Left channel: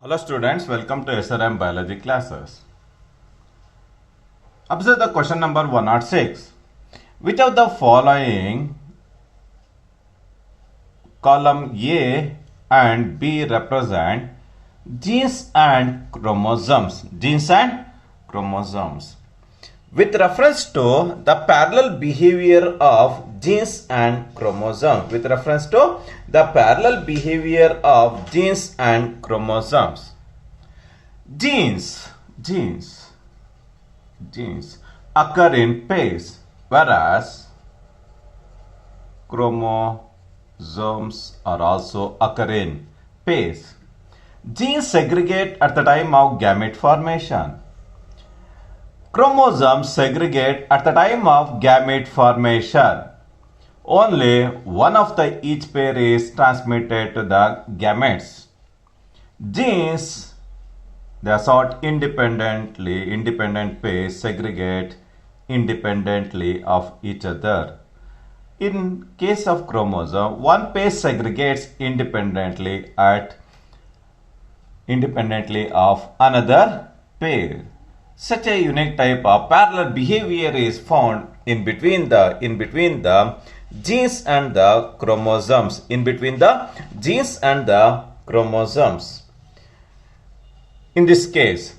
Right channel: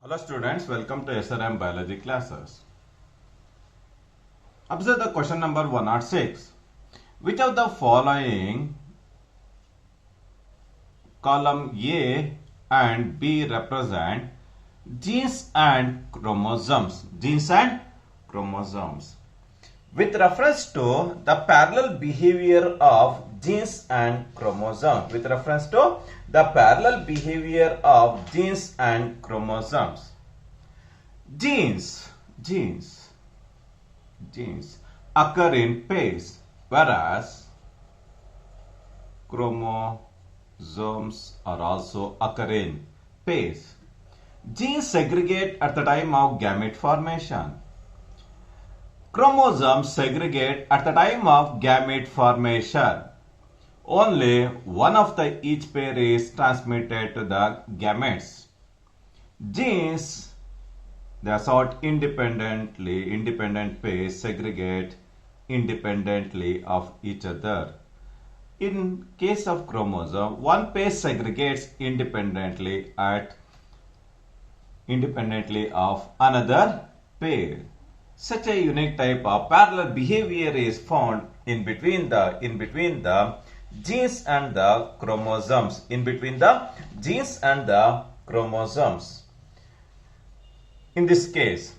Hello students, welcome to SRM biology classes. Observe the question number 106. Which of the following column A and B represent genes and chromosomes? Genes and chromosomes. With reference to the parallel behavior of genes and chromosomes. With reference to the parallel behavior of genes and chromosomes. Genes occur in pairs, whereas chromosomes are also occur in pairs. Genes segregate at the time of gamete formation. Chromosomes segregate at the time of gamete formation. Only one of the each pair is transmitted to the gametes. Genes, they are sort independently. Independent pairs segregate independently of each other. In case of chromosome, one pair segregates independently of another pair. Such a unique type of parallel behavior is found in between the genes and the chromosomes. In between the genes and the chromosomes. In this case,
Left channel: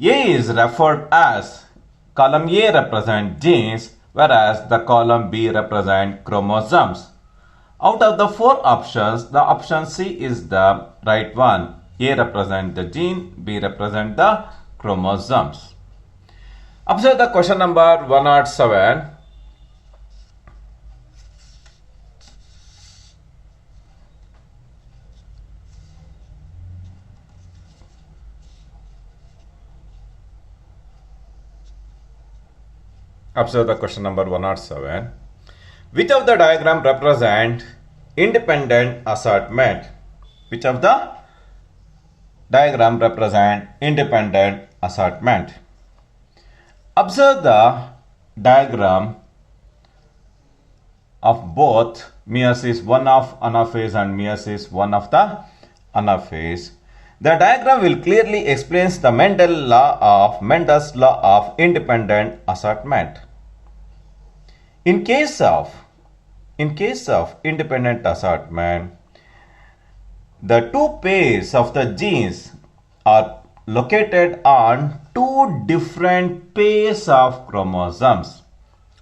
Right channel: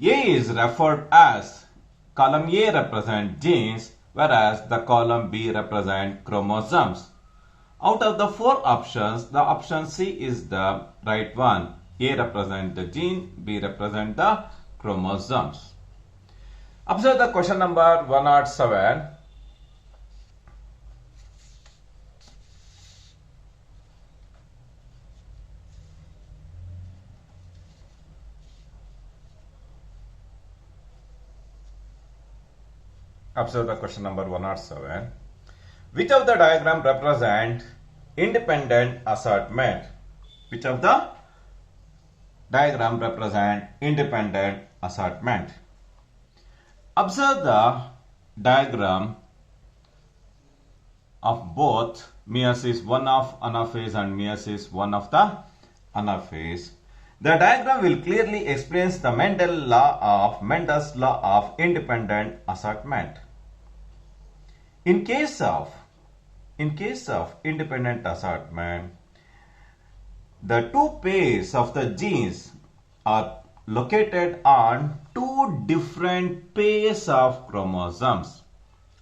A is referred as column A represent genes, whereas the column B represent chromosomes. Out of the four options, the option C is the right one. A represent the gene, B represent the chromosomes. Observe the question number 107. Observe the question number 107. Which of the diagram represent independent assortment? Which of the diagram represent independent assortment? Observe the diagram of both meiosis 1 of anaphase and meiosis 1 of the anaphase. The diagram will clearly explain the Mendel's law of independent assortment. In case of independent assortment, the two pairs of the genes are located on two different pairs of chromosomes.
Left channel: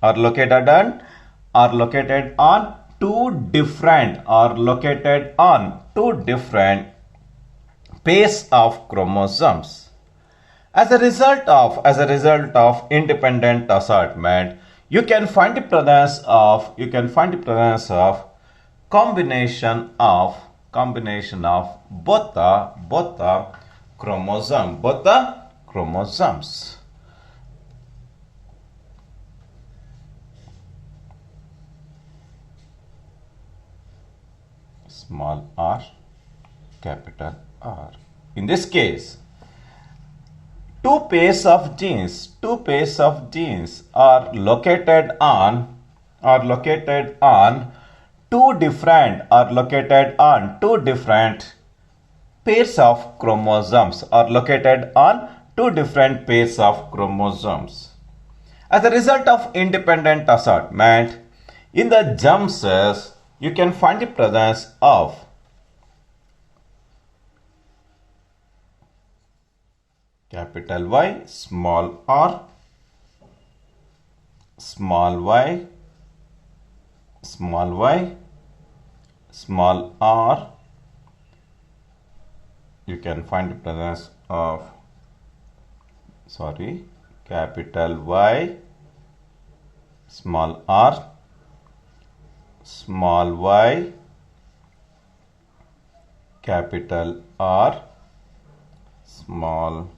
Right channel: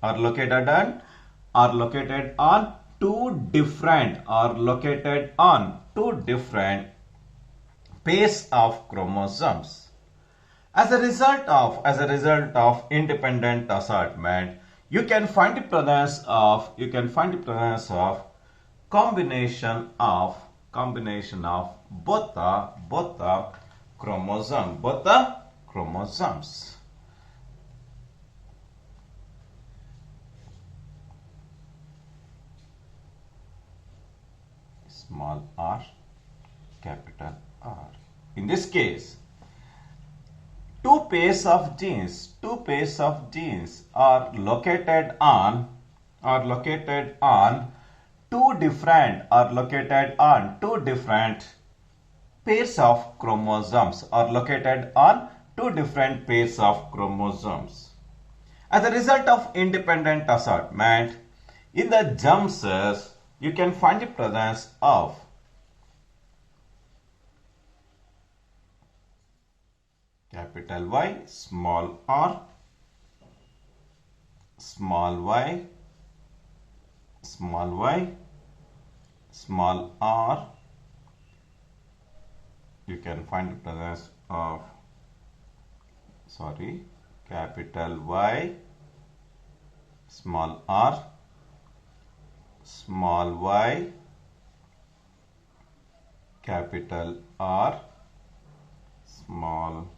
Are located on two different pairs of chromosomes. As a result of independent assortment, you can find the presence of combination of both the chromosomes. Small r, capital R. In this case, two pairs of genes are located on two different pairs of chromosomes. As a result of independent assortment, in the germ cells, you can find the presence of capital Y, small r, small y, small r. You can find the presence of capital Y, small r, small y, capital R, small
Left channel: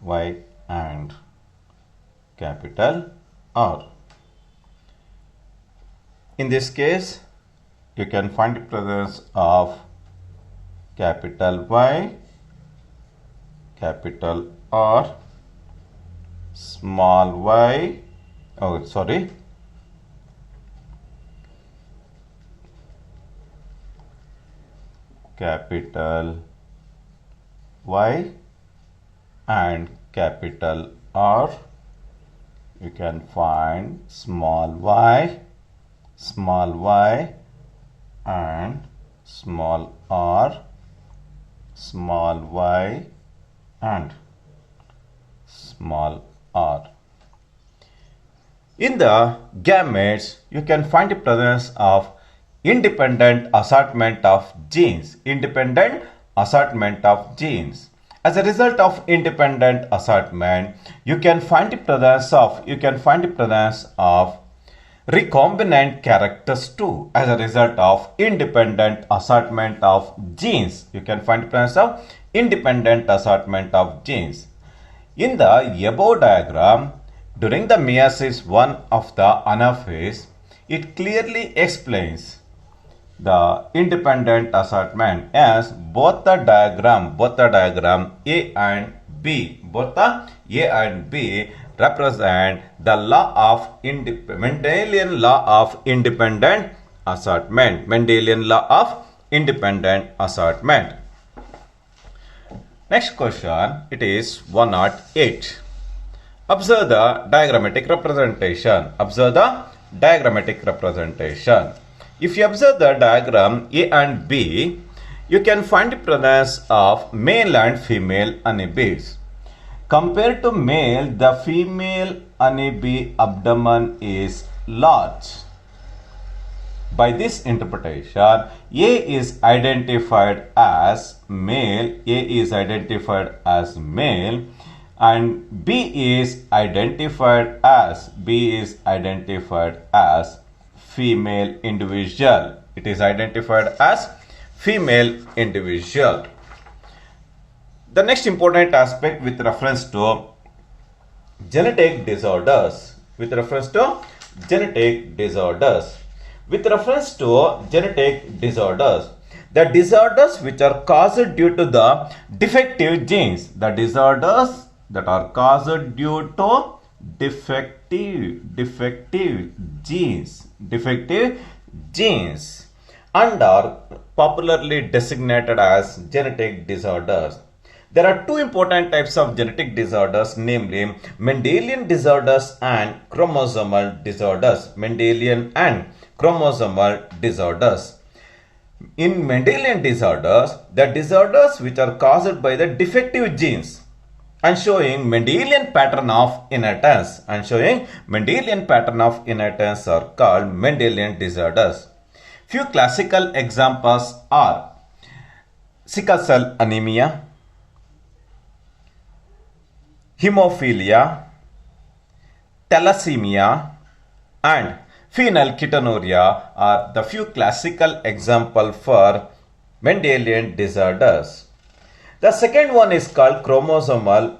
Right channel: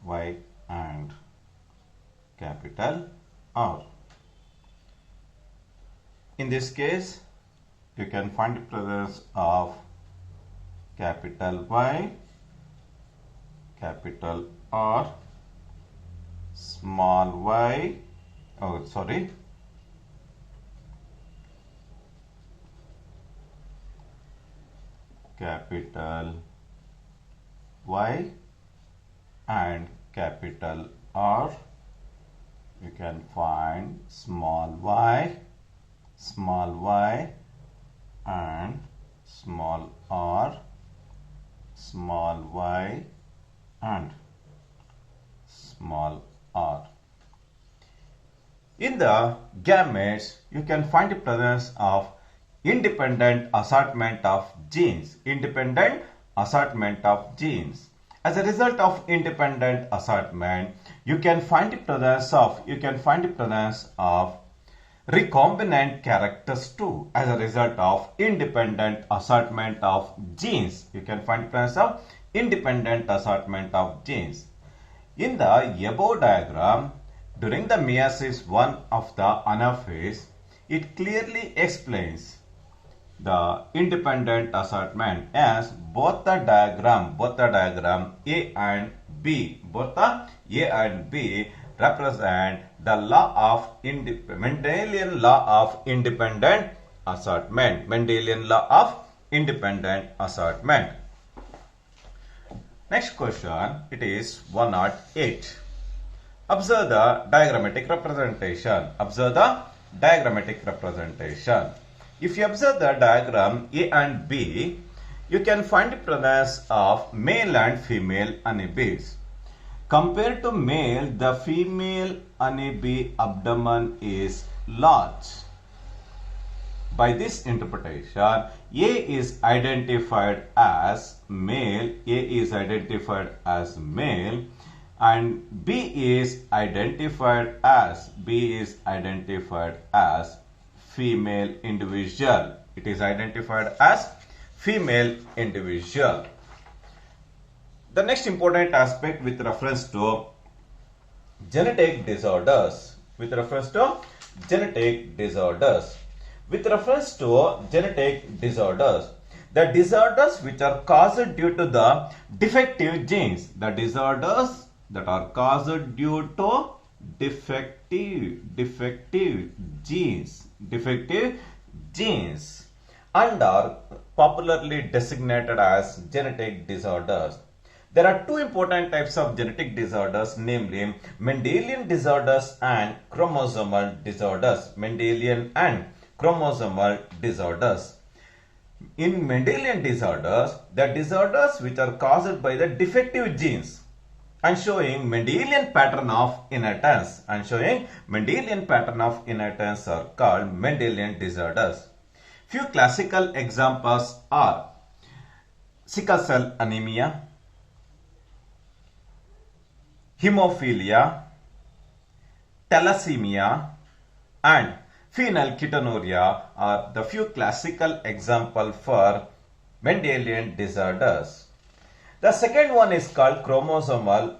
y and capital R. In this case, you can find the presence of capital Y, capital R, small y, capital Y and capital R. You can find small y and small r, small y and small r. In the gametes, you can find the presence of independent assortment of genes. Independent assortment of genes. As a result of independent assortment, you can find the presence of recombinant characters too. As a result of independent assortment of genes, you can find the presence of independent assortment of genes. In the above diagram, during the meiosis 1 of the anaphase, it clearly explains the independent assortment as both the diagram A and B, represent the law of Mendelian law of independent assortment. Mendelian law of independent assortment. Next question, it is 108. Observe the diagrammatic representation. Observe the diagrammatic representation. If you observe the diagram A and B, you can find the presence of male and female honeybees. Compared to male, the female honeybee abdomen is large. By this interpretation, A is identified as male, and B is identified as female individual. It is identified as female individual. The next important aspect with reference to genetic disorders. The disorders which are caused due to the defective genes. The disorders that are caused due to defective genes and are popularly designated as genetic disorders. There are two important types of genetic disorders, namely Mendelian disorders and chromosomal disorders. Mendelian and chromosomal disorders. In Mendelian disorders, the disorders which are caused by the defective genes and showing Mendelian pattern of inheritance are called Mendelian disorders. Few classical examples are sickle cell anemia, hemophilia, thalassemia, and phenylketonuria are the few classical examples for Mendelian disorders. The second one is called chromosomal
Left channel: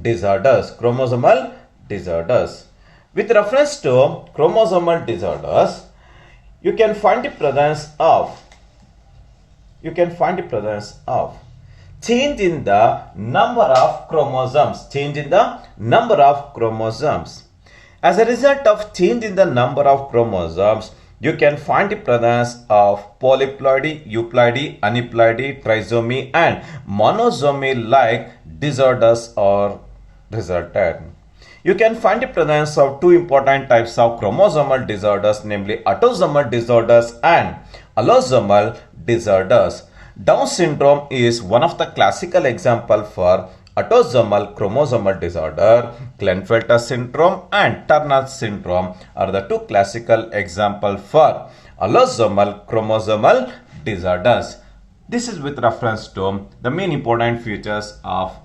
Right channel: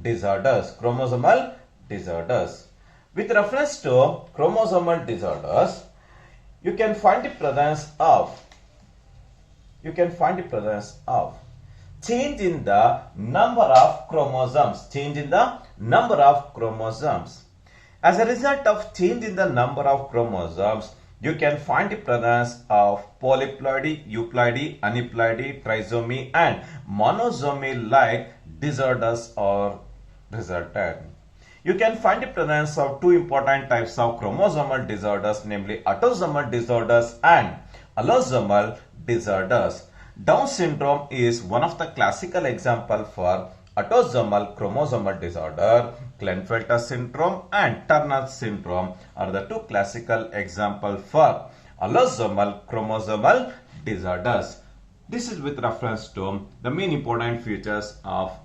disorders. With reference to chromosomal disorders, you can find the presence of change in the number of chromosomes. As a result of change in the number of chromosomes, you can find the presence of polyploidy, euploidy, aneuploidy, trisomy, and monosomy like disorders are resulted. You can find the presence of two important types of chromosomal disorders, namely autosomal disorders and allosomal disorders. Down syndrome is one of the classical examples for autosomal chromosomal disorder. Klinefelter syndrome and Turner syndrome are the two classical examples for allosomal chromosomal disorders. This is with reference to the main important features of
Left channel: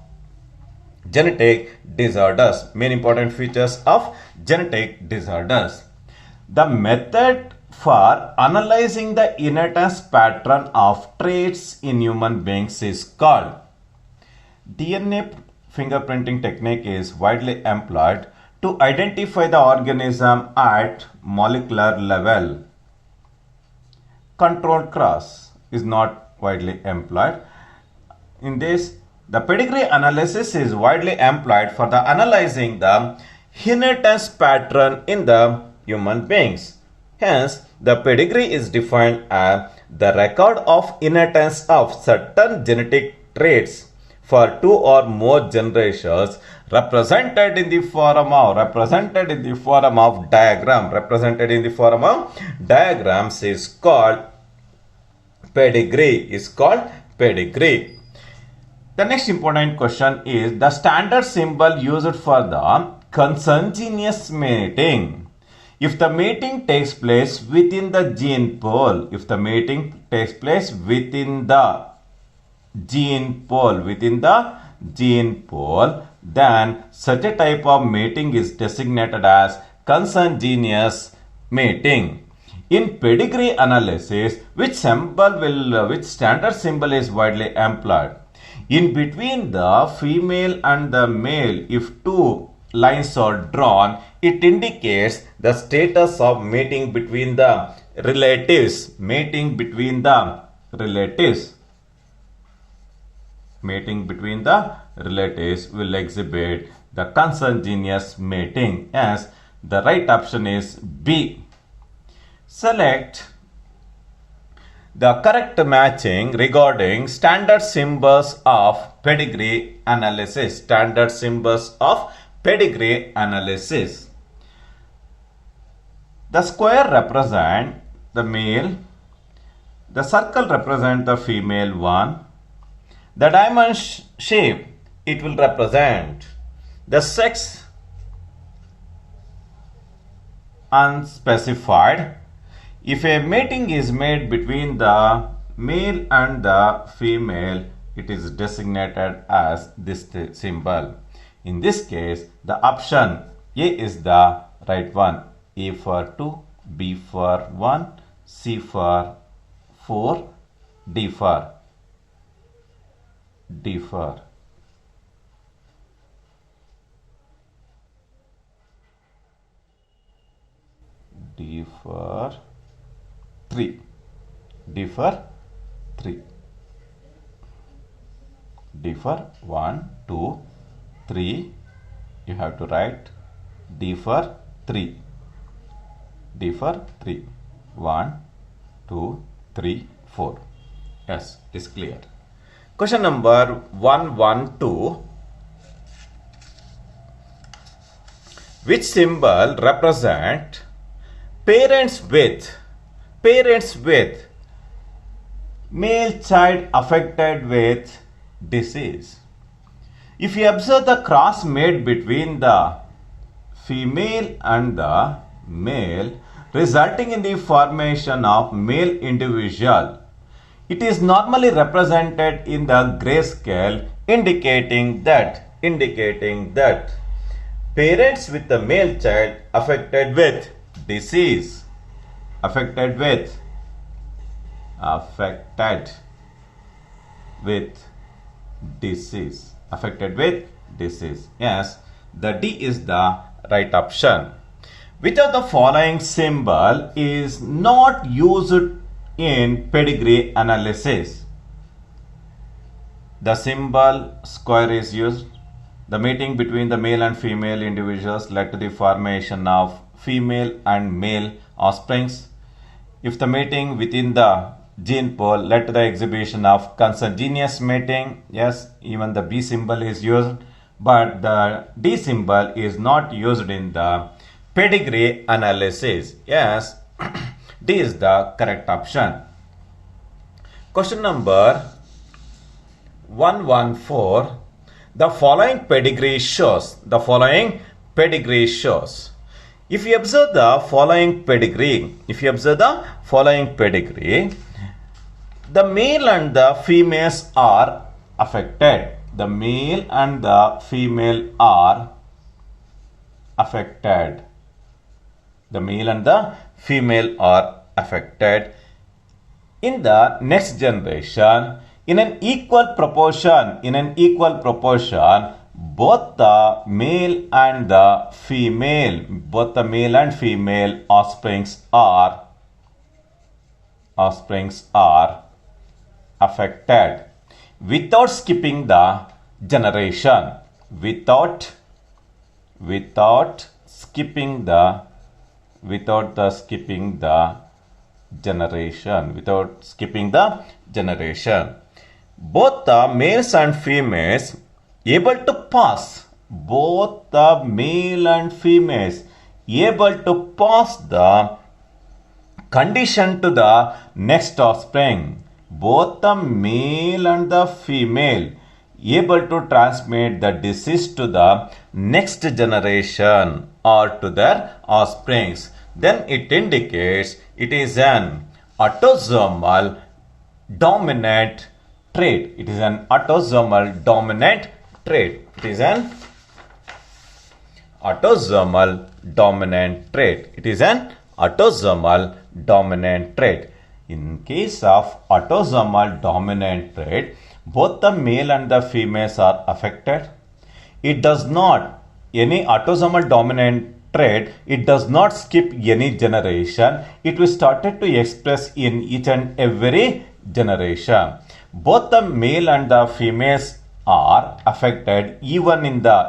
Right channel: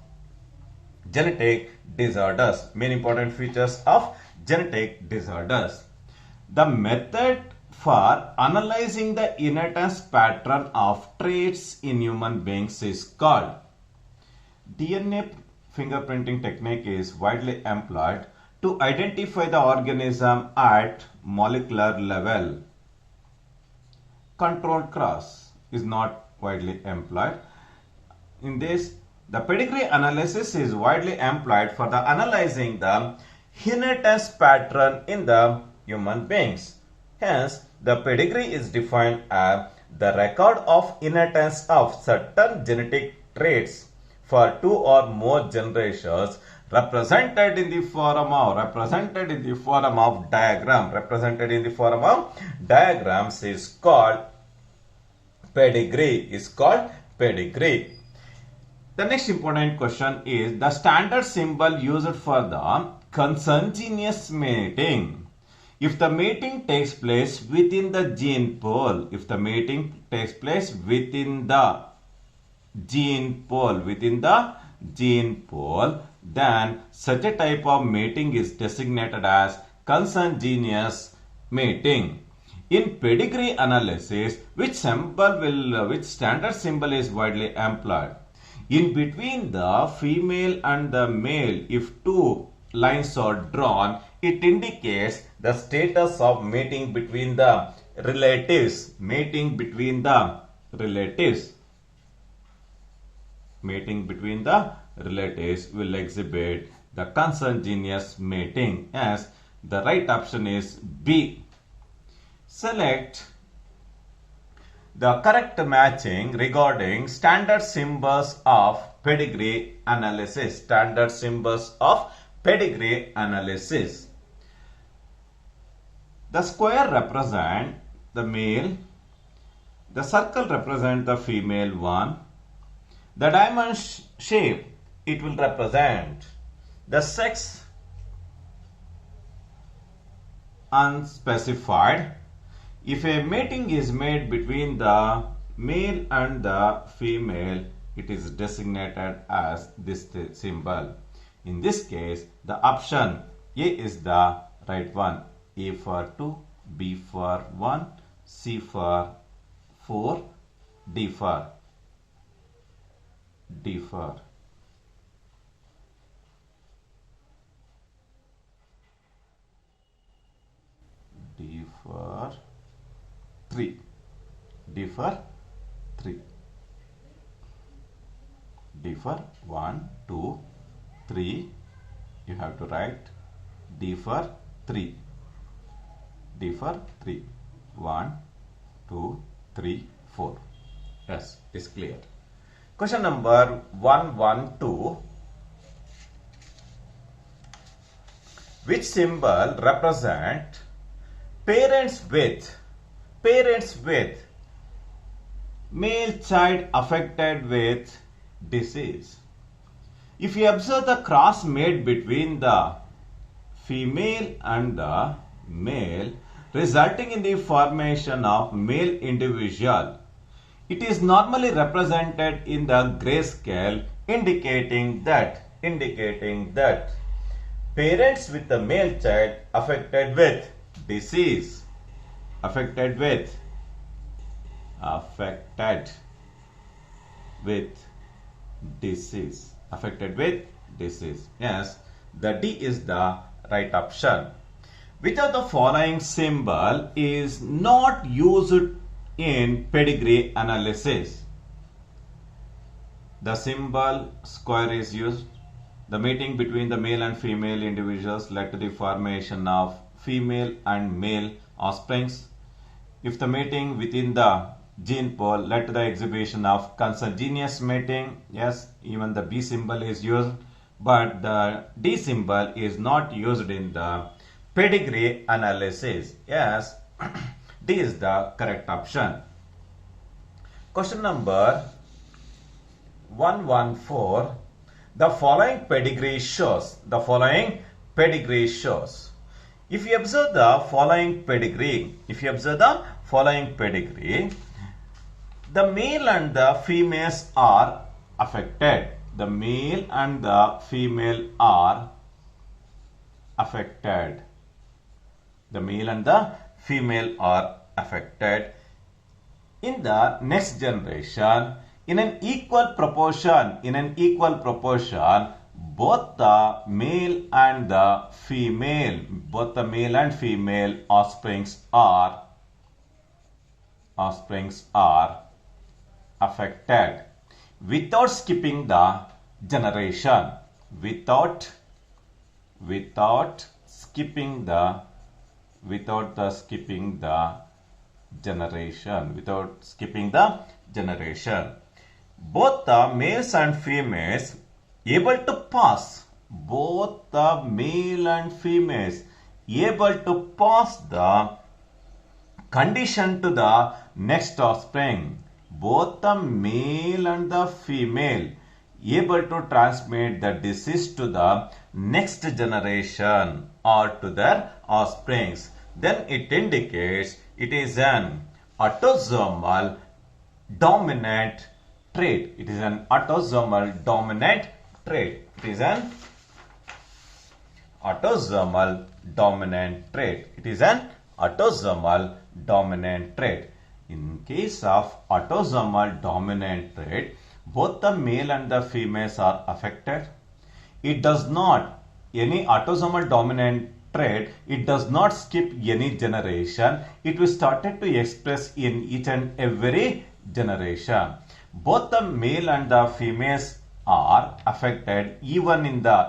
genetic disorders. The method for analyzing the inheritance pattern of traits in human beings is called DNA fingerprinting technique is widely employed to identify the organism at molecular level. Control cross is not widely employed. In this, the pedigree analysis is widely employed for the analyzing the inheritance pattern in the human beings. Hence, the pedigree is defined as the record of inheritance of certain genetic traits for two or more generations represented in the form of diagrams is called pedigree. The next important question is the standard symbol used for the consanguineous mating. If the mating takes place within the gene pool, then such a type of mating is designated as consanguineous mating. In pedigree analysis, which standard symbol is widely employed? In between the female and the male, if two lines are drawn, it indicates the status of mating between the relatives. Mating between the relatives will exhibit the consanguineous mating. As the right option is B. Select the correct matching regarding standard symbols of pedigree analysis. The square represent the male, the circle represent the female one, the diamond shape it will represent the sex unspecified. If a mating is made between the male and the female, it is designated as this symbol. In this case, the option A is the right one. A for 2, B for 1, C for 4, D for D for D for 3. D for 3. D for 1, 2, 3. You have to write D for 3. D for 3. 1, 2, 3, 4. Yes, it is clear. Question number 112. Which symbol represent parents with male child affected with disease? If you observe the cross made between the female and the male, resulting in the formation of male individual, it is normally represented in the grayscale, indicating that parents with the male child affected with disease, Yes, the D is the right option. Which of the following symbol is not used in pedigree analysis? The symbol square is used. The mating between the male and female individuals led to the formation of female and male offsprings. If the mating within the gene pool led to the exhibition of consanguineous mating, yes, even the B symbol is used, but the D symbol is not used in the pedigree analysis. Yes, D is the correct option. Question number 114. The following pedigree shows. If you observe the following pedigree, the male and the females are affected. The male and the female are affected. In the next generation, in an equal proportion, both the male and the female offsprings are affected without skipping the generation. Without skipping the generation. both the males and females able to pass, both the male and females able to pass the condition to the next offspring. Both the male and the female able to transmit the disease to the next generation or to their offsprings. Then it indicates it is an autosomal dominant trait. It is an autosomal dominant trait. It is an autosomal dominant trait. It is an autosomal dominant trait. In case of autosomal dominant trait, both the male and the females are affected. It does not, any autosomal dominant trait, it does not skip any generation. It will started to express in each and every generation. Both the male and the females are affected even in the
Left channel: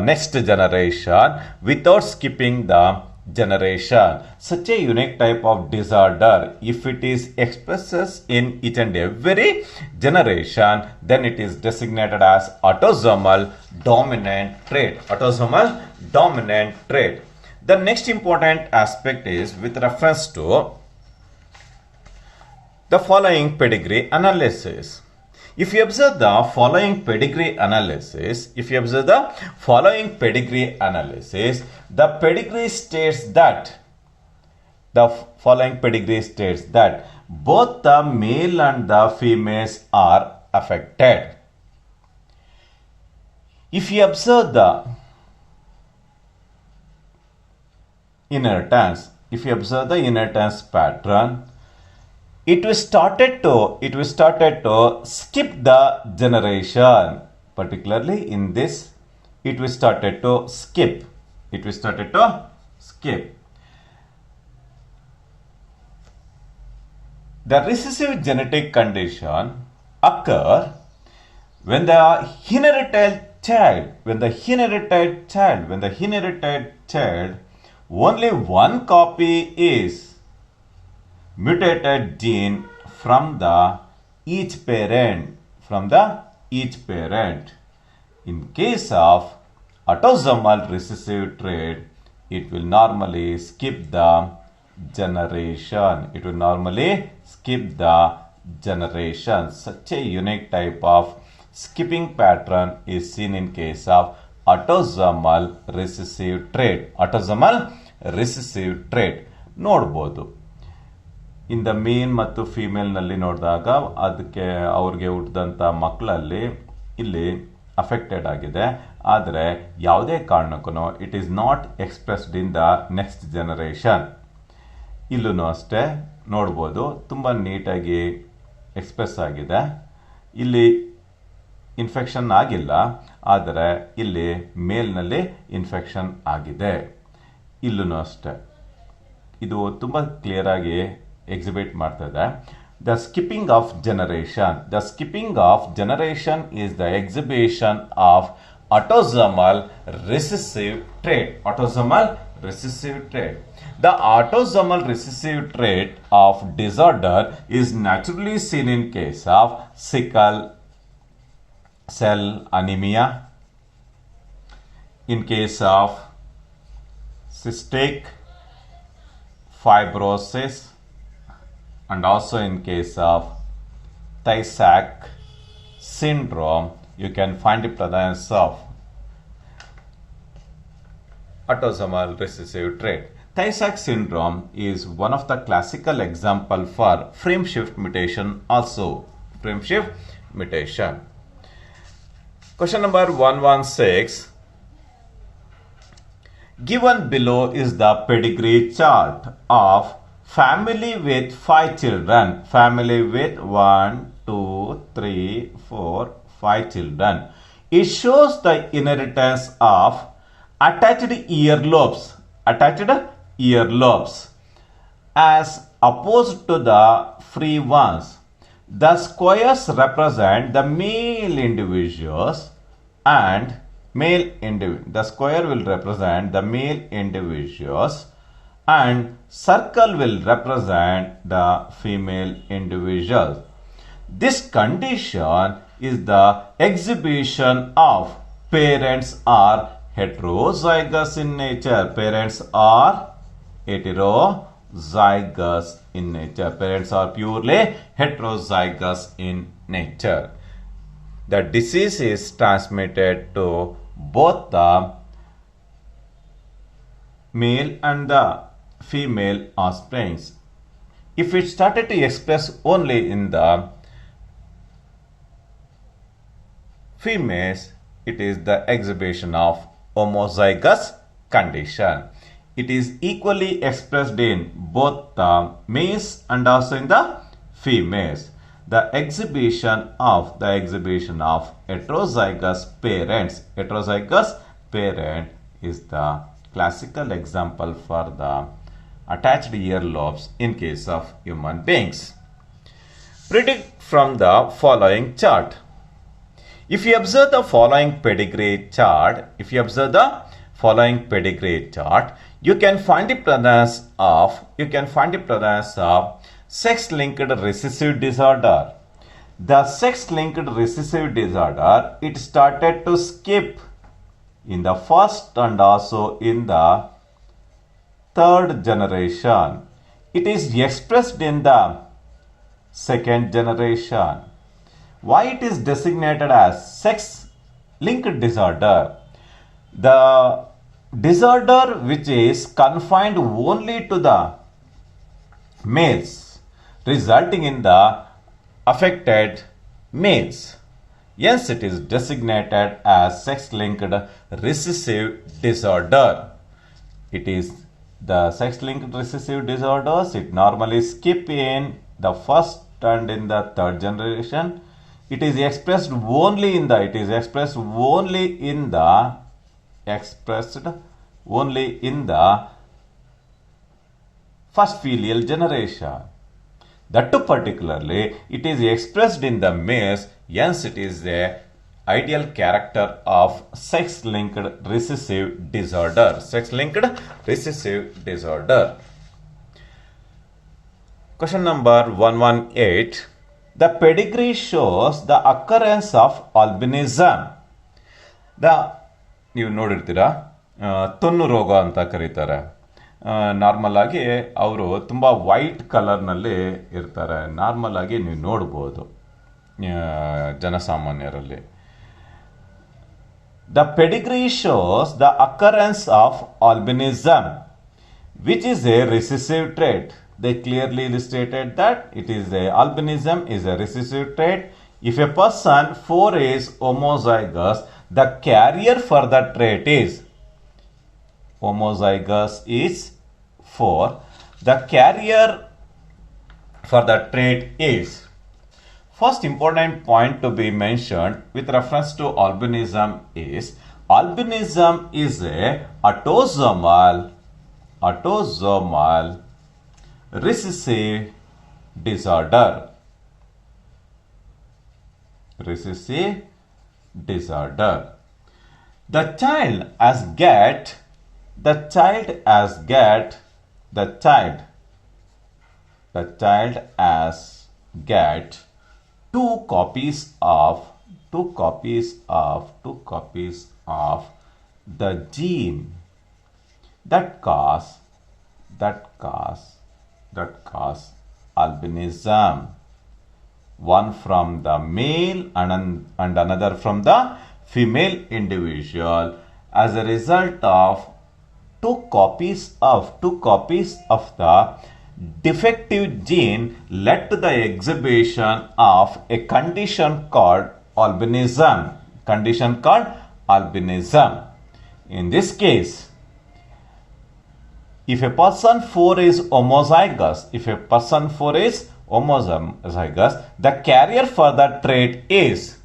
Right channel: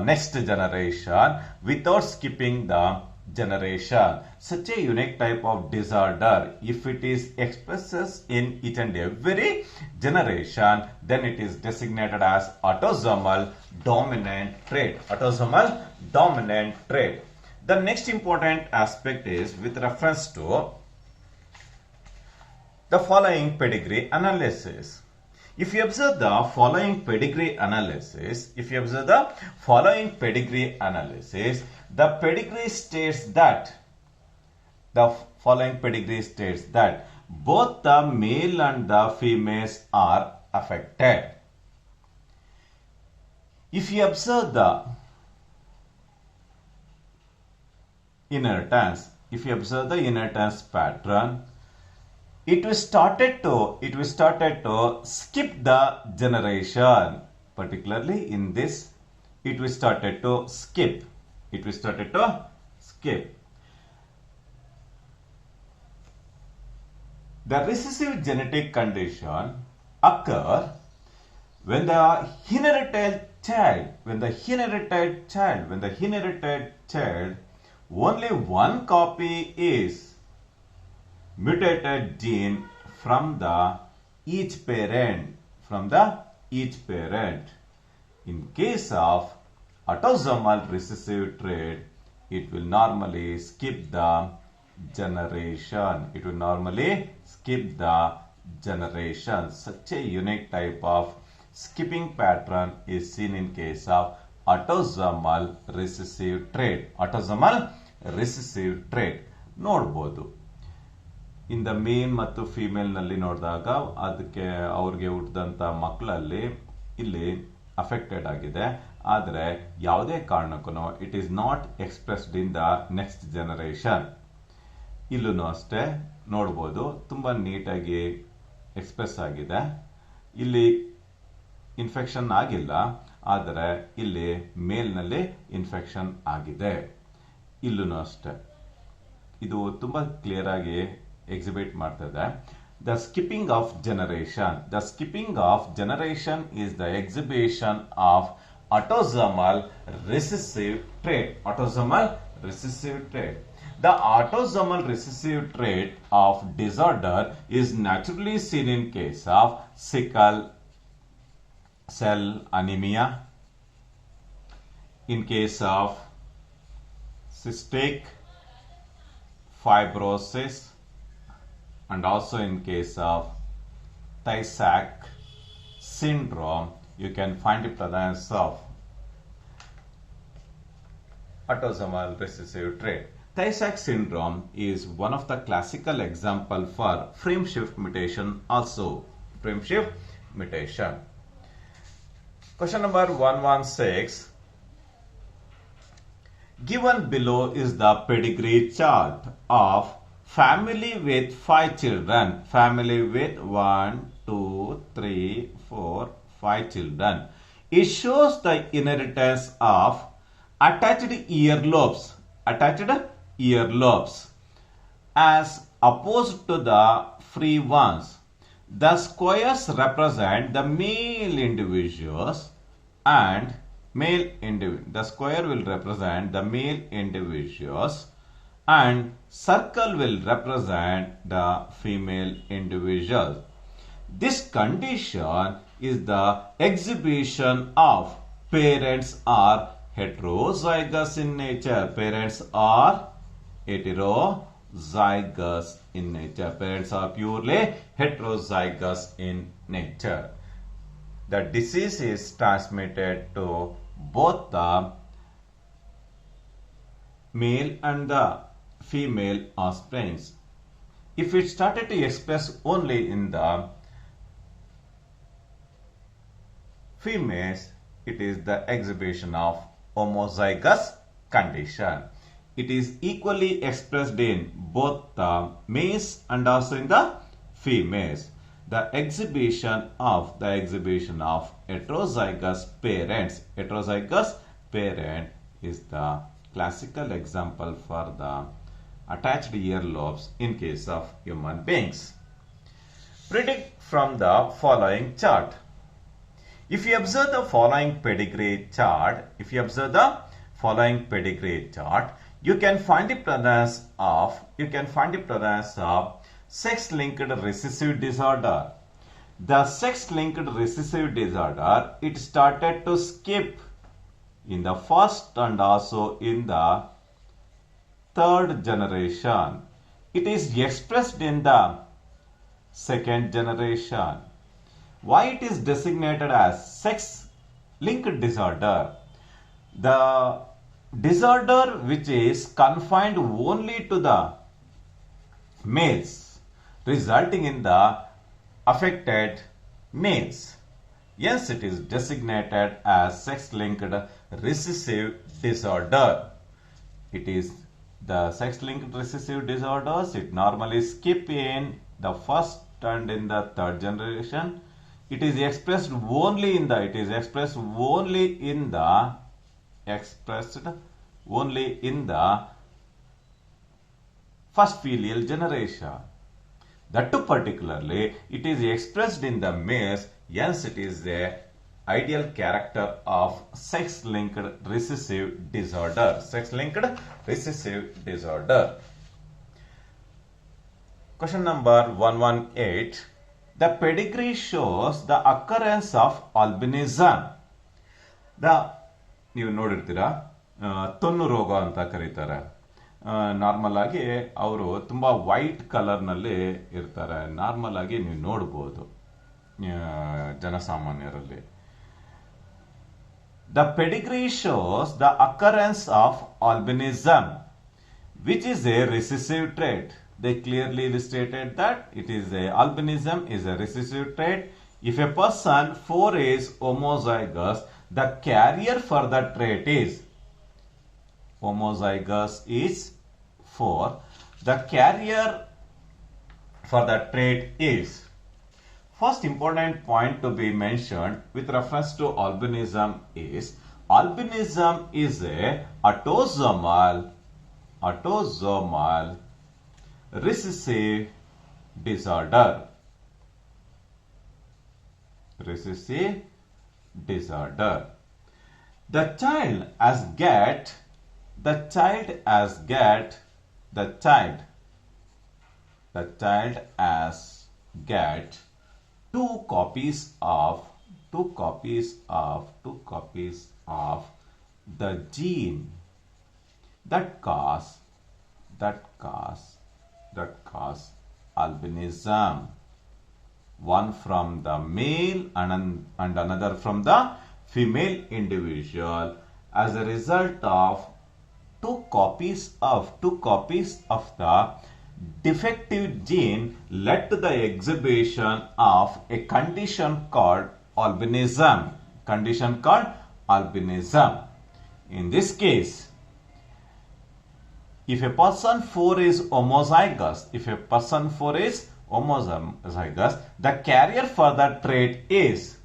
next generation without skipping the generation. Such a unique type of disorder, if it is expresses in each and every generation, then it is designated as autosomal dominant trait. Autosomal dominant trait. The next important aspect is with reference to the following pedigree analysis. If you observe the following pedigree analysis, the pedigree states that both the male and the females are affected. If you observe the inheritance pattern, it was started to skip the generation. Particularly in this, it was started to skip. The recessive genetic condition occur when the inherited child, only one copy is mutated gene from each parent. In case of autosomal recessive trait, it will normally skip the generation. Such a unique type of skipping pattern is seen in case of autosomal recessive trait. ನೋಡಬಹುದು. In the ಮೇಲ್ ಮತ್ತು ಫೀಮೇಲ್ನಲ್ಲಿ ನೋಡಿದಾಗ ಅದಕ್ಕೆ ಅವ್ರಿಗೆ ಹುಟ್ಟಿದಂಥ ಮಕ್ಕಳಲ್ಲಿ ಇಲ್ಲಿ affected ಆಗಿದೆ. ಆದರೆ ಯಾವುದೇ ಕಾರಣಕ್ಕೂ it is not expressed in the next generation. ಇಲ್ಲೂ ಅಷ್ಟೇ ನೋಡ್ಬೋದು, ತುಂಬ ನೀಟಾಗಿ ಎಕ್ಸ್ಪ್ರೆಸ್ ಆಗಿದೆ. ಇಲ್ಲಿ ಇನ್ಫೆಕ್ಷನ್ ಆಗಿಲ್ಲ, ಆದರೆ ಇಲ್ಲಿ ಮೇಲ್ನಲ್ಲಿ ಇನ್ಫೆಕ್ಷನ್ ಆಗಿದೆ. ಇಲ್ಲೂ ಅಷ್ಟೇ ಇದು ತುಂಬ ಕ್ಲಿಯರ್ ಆಗಿ ಎಕ್ಸಿಬಿಟ್ ಮಾಡ್ತದೆ. The skipping of generation is the exhibition of autosomal recessive trait. The autosomal recessive trait of disorder is naturally seen in case of sickle cell anemia, in case of cystic fibrosis, and also in case of Tay-Sachs syndrome. You can find the presence of autosomal recessive trait. Tay-Sachs syndrome is one of the classical example for frame shift mutation also. Question number 116. Given below is the pedigree chart of family with 5 children. Family with 1, 2, 3, 4, 5 children. It shows the inheritance of attached earlobes as opposed to the free ones. The squares represent the male individuals and the square will represent the male individuals and circle will represent the female individuals. This condition is the exhibition of parents are heterozygous in nature. Parents are heterozygous in nature. Parents are purely heterozygous in nature. The disease is transmitted to both the male and the female offsprings. If it started to express only in the females, it is the exhibition of homozygous condition. It is equally expressed in both the males and also in the females. The exhibition of heterozygous parents. Heterozygous parent is the classical example for the attached earlobes in case of human beings. Predict from the following chart. If you observe the following pedigree chart, you can find the presence of sex-linked recessive disorder. The sex-linked recessive disorder, it started to skip in the first and also in the third generation. It is expressed in the second generation. Why it is designated as sex-linked disorder? The disorder which is confined only to the males, resulting in the affected males. Yes, it is designated as sex-linked recessive disorder. It is the sex-linked recessive disorders. It normally skip in the first and in the third generation. It is expressed only in the first filial generation. That too particularly, it is expressed in the males. Hence, it is the ideal character of sex-linked recessive disorder. Question number 118. The pedigree shows the occurrence of albinism. ನೀವು ನೋಡಿರ್ತೀರಾ, ತೊನ್ನು ರೋಗ ಅಂತ ಕರೀತಾರೆ. Normal ಆಗಿ ಅವರು ತುಂಬ white ಕಲರ್ನಲ್ಲಿ ಇರ್ತಾರೆ. Normal ಆಗಿ ನೀವು ನೋಡ್ಬೋದು ಜನಸಾಮಾನ್ಯರಲ್ಲಿ. The pedigree shows the occurrence of albinism, which is a recessive trait. They clearly illustrated that albinism is a recessive trait. If a person 4 is homozygous, the carrier for the trait is homozygous is 4. The carrier for the trait is. First important point to be mentioned with reference to albinism is a autosomal recessive disorder. The child has get two copies of the gene that cause albinism. One from the male and another from the female individual. As a result of two copies of the defective gene led to the exhibition of a condition called albinism. In this case, if a person 4 is homozygous, the carrier for the trait is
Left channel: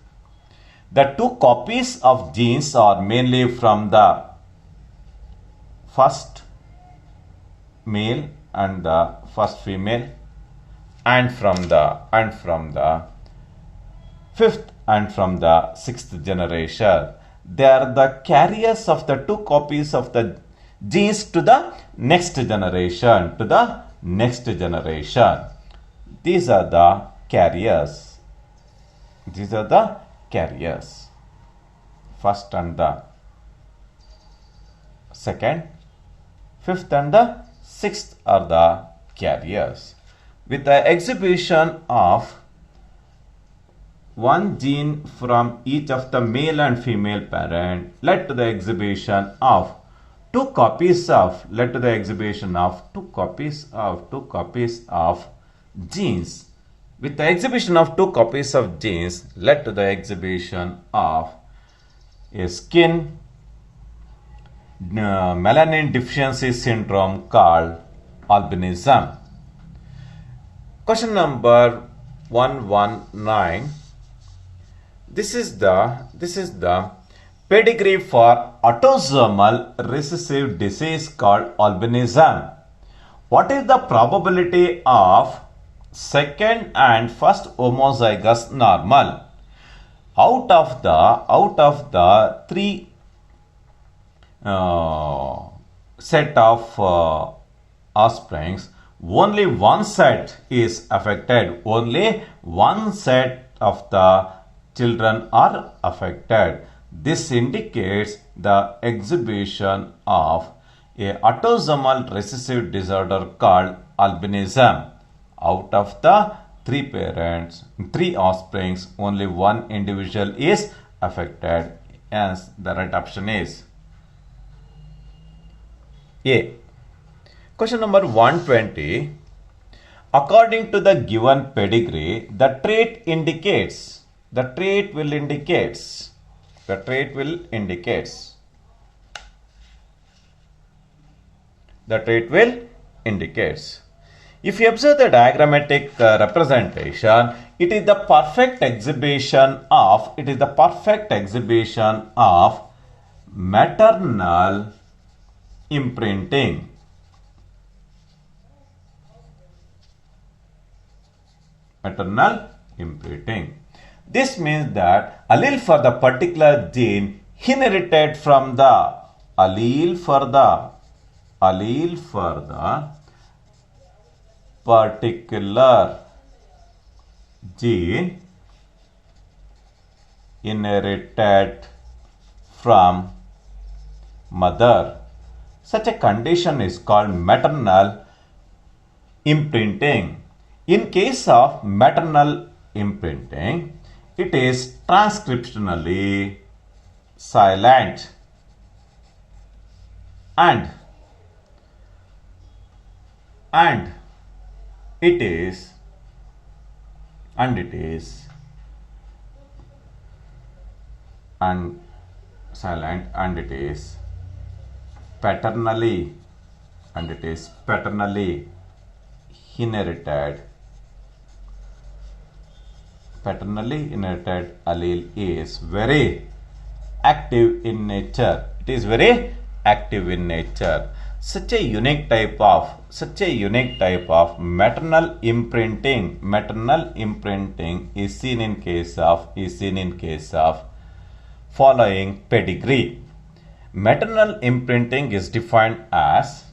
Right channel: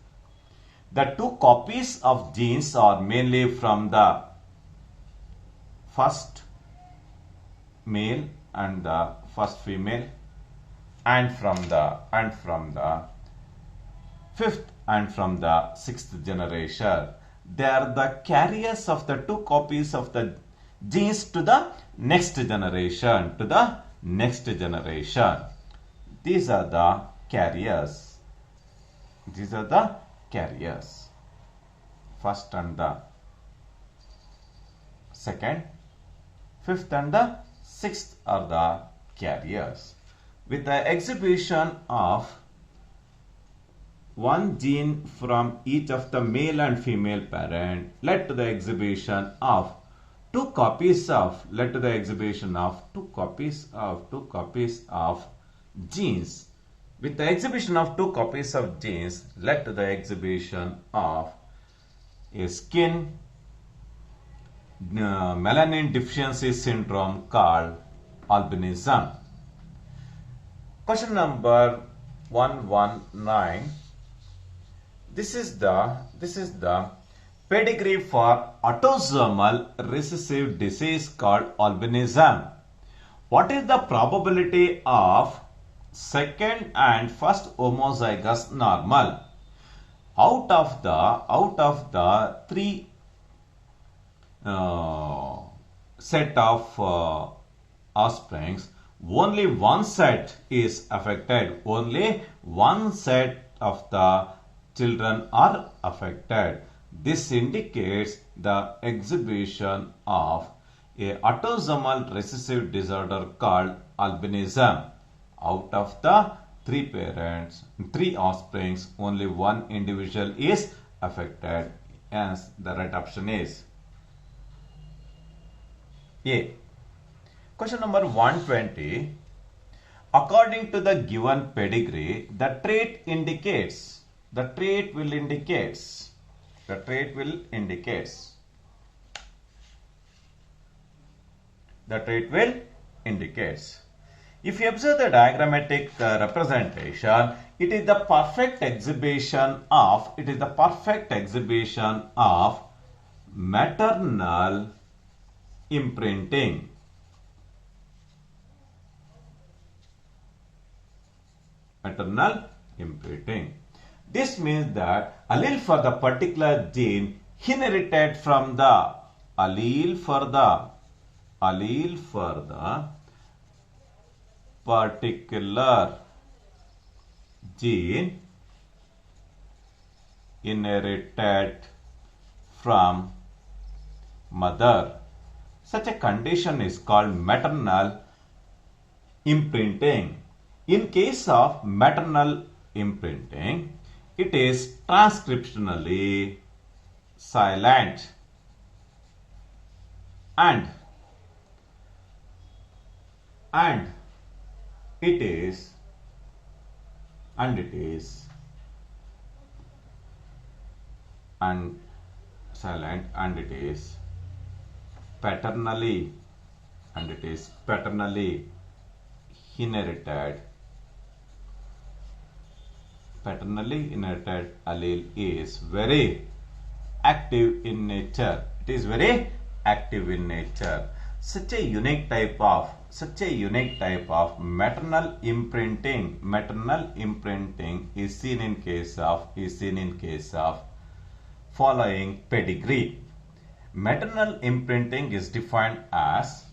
the two copies of genes are mainly from the first male and the first female, and from the fifth and from the sixth generation. They are the carriers of the two copies of the genes to the next generation. These are the carriers. These are the carriers. First and the second, fifth and the sixth are the carriers. With the exhibition of one gene from each of the male and female parent led to the exhibition of two copies of genes. With the exhibition of two copies of genes led to the exhibition of a skin melanin deficiency syndrome called albinism. Question number 119. This is the pedigree for autosomal recessive disease called albinism. What is the probability of second and first homozygous normal? Out of the three set of offsprings, only one set is affected. Only one set of the children are affected. This indicates the exhibition of a autosomal recessive disorder called albinism. Out of the three offsprings, only one individual is affected. Hence, the right option is A. Question number 120. According to the given pedigree, the trait will indicate. If you observe the diagrammatic representation, it is the perfect exhibition of maternal imprinting. This means that allele for the particular gene inherited from the particular gene inherited from mother. Such a condition is called maternal imprinting. In case of maternal imprinting, it is transcriptionally silent and it is paternally inherited. Paternally inherited allele is very active in nature. It is very active in nature. Such a unique type of maternal imprinting is seen in case of following pedigree. Maternal imprinting is defined as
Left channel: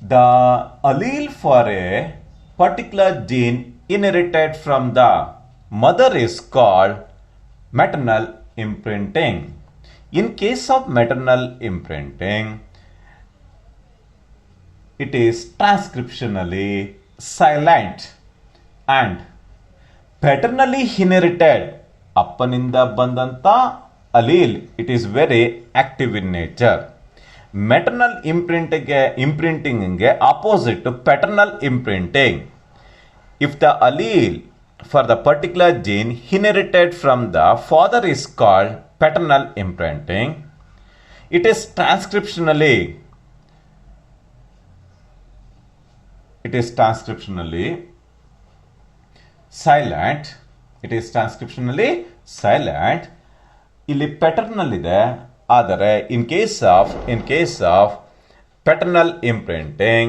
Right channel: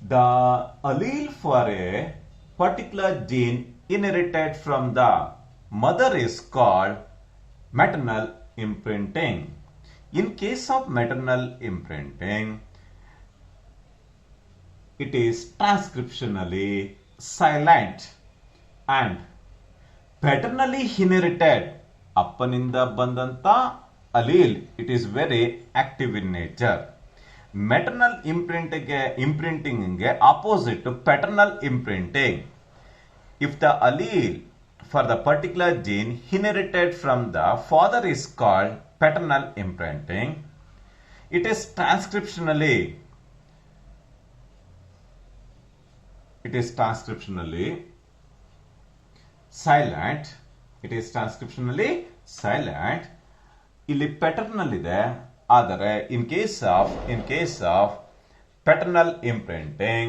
the allele for a particular gene inherited from the mother is called maternal imprinting. In case of maternal imprinting, it is transcriptionally silent and paternally inherited ಅಪ್ಪನಿಂದ ಬಂದಂತ allele, it is very active in nature. Maternal imprinting opposite to paternal imprinting. If the allele for the particular gene inherited from the father is called paternal imprinting, it is transcriptionally silent. ಇಲ್ಲಿ paternal ಇದೆ. ಆದರೆ in case of paternal imprinting,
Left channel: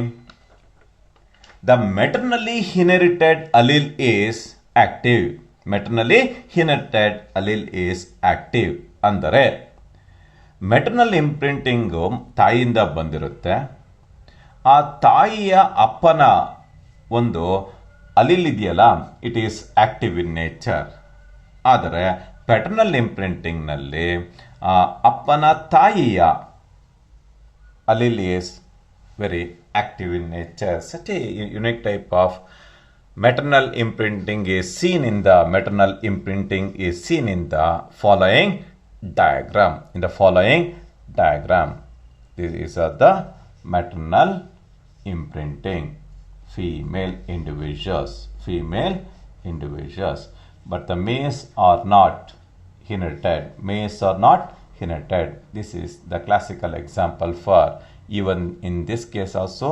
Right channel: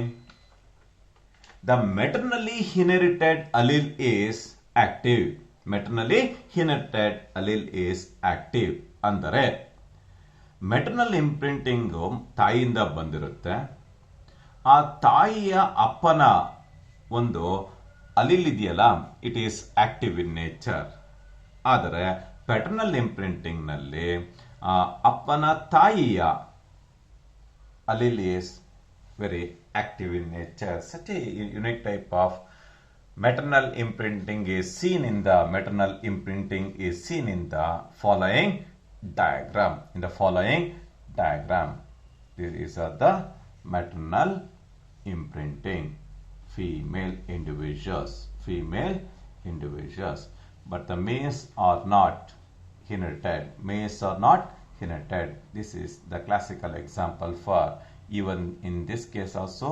the maternally inherited allele is active. ಅಂದರೆ maternal ಇಂಪ್ರಿಂಟಿಂಗು ತಾಯಿಯಿಂದ ಬಂದಿರುತ್ತೆ. ಆ ತಾಯಿಯ ಅಪ್ಪನ ಒಂದು ಅಲಿಲ್ ಇದೆಯಲ್ಲ it is active in nature. ಆದರೆ ಪ್ಯಾಟರ್ನಲ್ ಇಂಪ್ರಿಂಟಿಂಗ್ನಲ್ಲಿ ಅಪ್ಪನ ತಾಯಿಯ allele is very active in nature. Such a unique type of maternal imprinting is seen in the following diagram. These are the maternal imprinting. Female individuals. But the males are not inherited. This is the classical example for even in this case also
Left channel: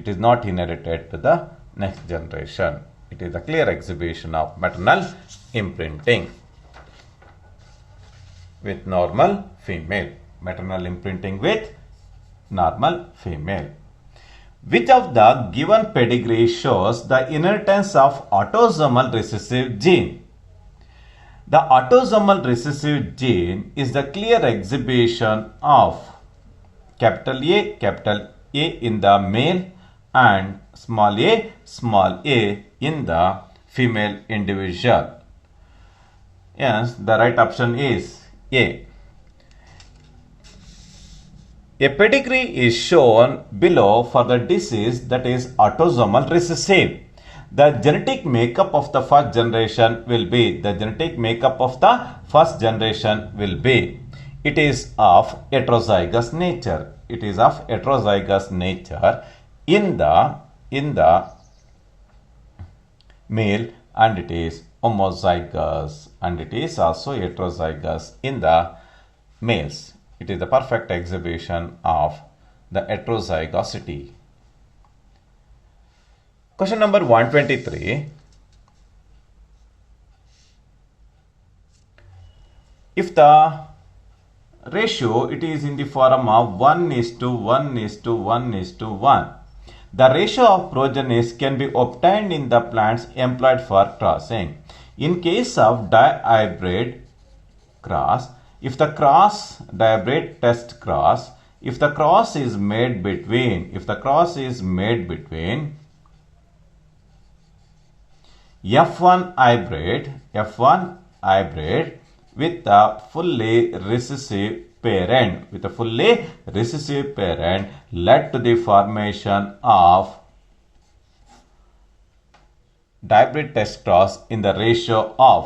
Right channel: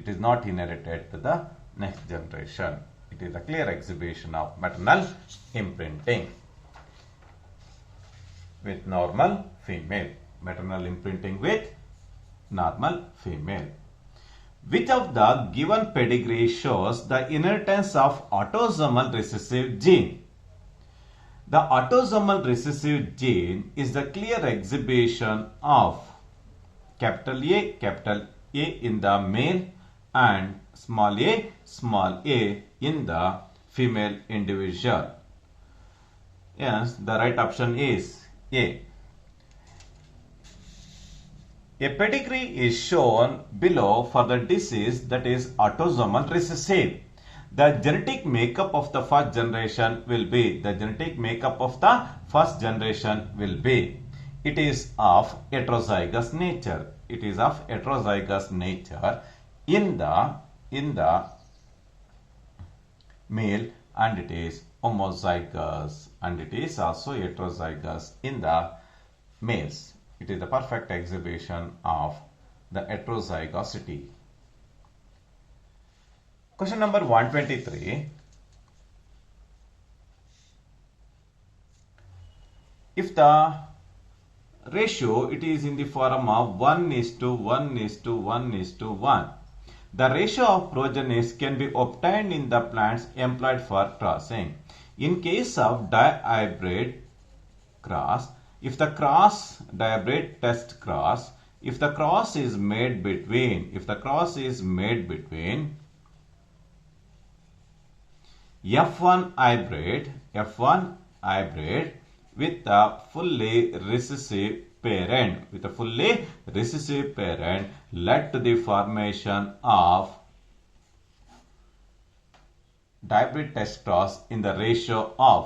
it is not inherited to the next generation. It is a clear exhibition of maternal imprinting with normal female. Maternal imprinting with normal female. Which of the given pedigree shows the inheritance of autosomal recessive gene? The autosomal recessive gene is the clear exhibition of capital A in the male and small a in the female individual. Yes, the right option is A. A pedigree is shown below for the disease that is autosomal recessive. The genetic makeup of the first generation will be, it is of heterozygous nature. In the male, and it is homozygous, and it is also heterozygous in the males. It is the perfect exhibition of the heterozygosity. Question number 123. If the ratio it is in the form of 1:1:1:1, the ratio of progenies can be obtained in the plants employed for crossing. In case of dihybrid cross, if the cross dihybrid test cross, if the cross is made between F1 hybrid with a fully recessive parent, led to the formation of dihybrid test cross in the ratio of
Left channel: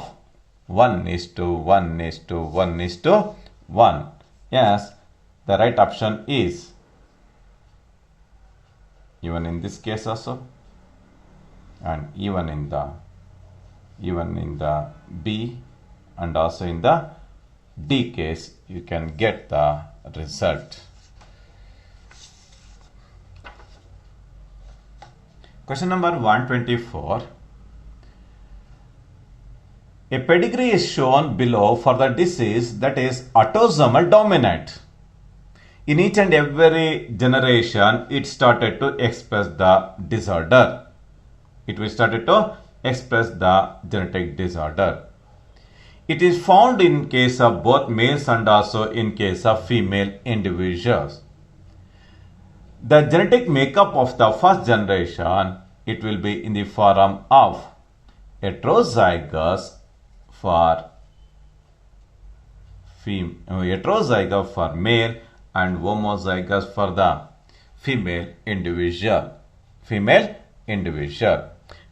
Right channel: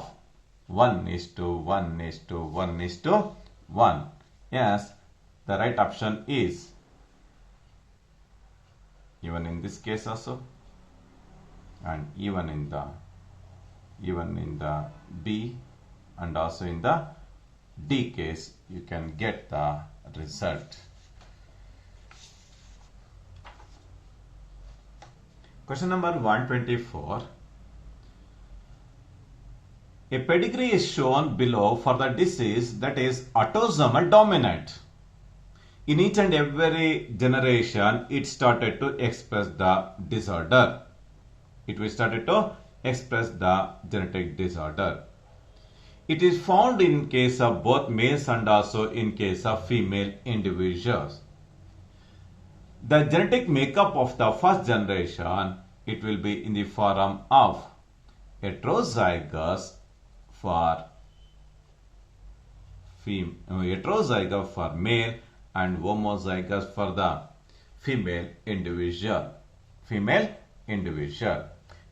1:1:1:1. Yes, the right option is even in this case also, and even in the B and also in the D case, you can get the result. Question number 124. A pedigree is shown below for the disease that is autosomal dominant. In each and every generation, it started to express the disorder. It started to express the genetic disorder. It is found in case of both males and also in case of female individuals. The genetic makeup of the first generation, it will be in the form of heterozygous for male and homozygous for the female individual.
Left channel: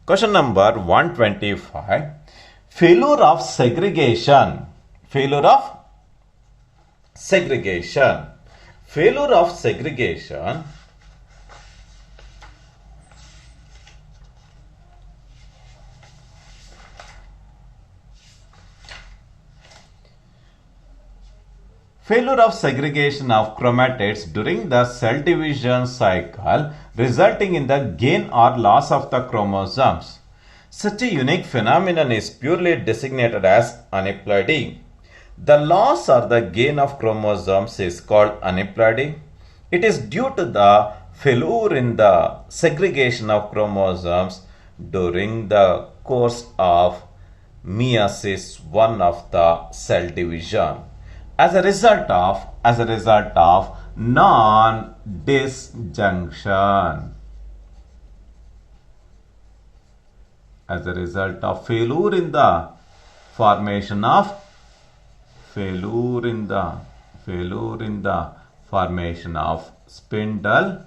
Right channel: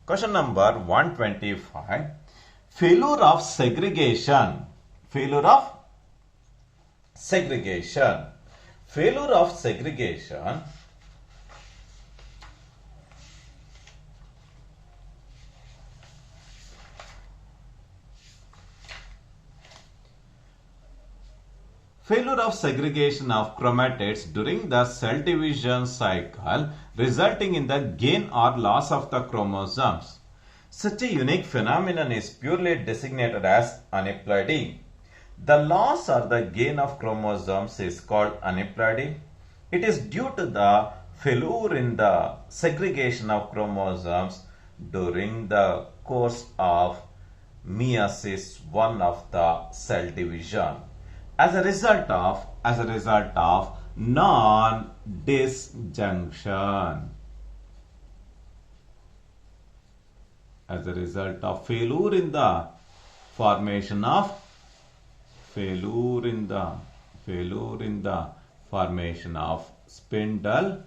Question number 125. Failure of segregation. Failure of segregation of chromatids during the cell division cycle, resulting in the gain or loss of the chromosomes. Such a unique phenomenon is purely designated as aneuploidy. The loss or the gain of chromosomes is called aneuploidy. It is due to the failure in the segregation of chromosomes during the course of meiosis 1 of the cell division. As a result of non-disjunction. as a result of failure in the formation of spindle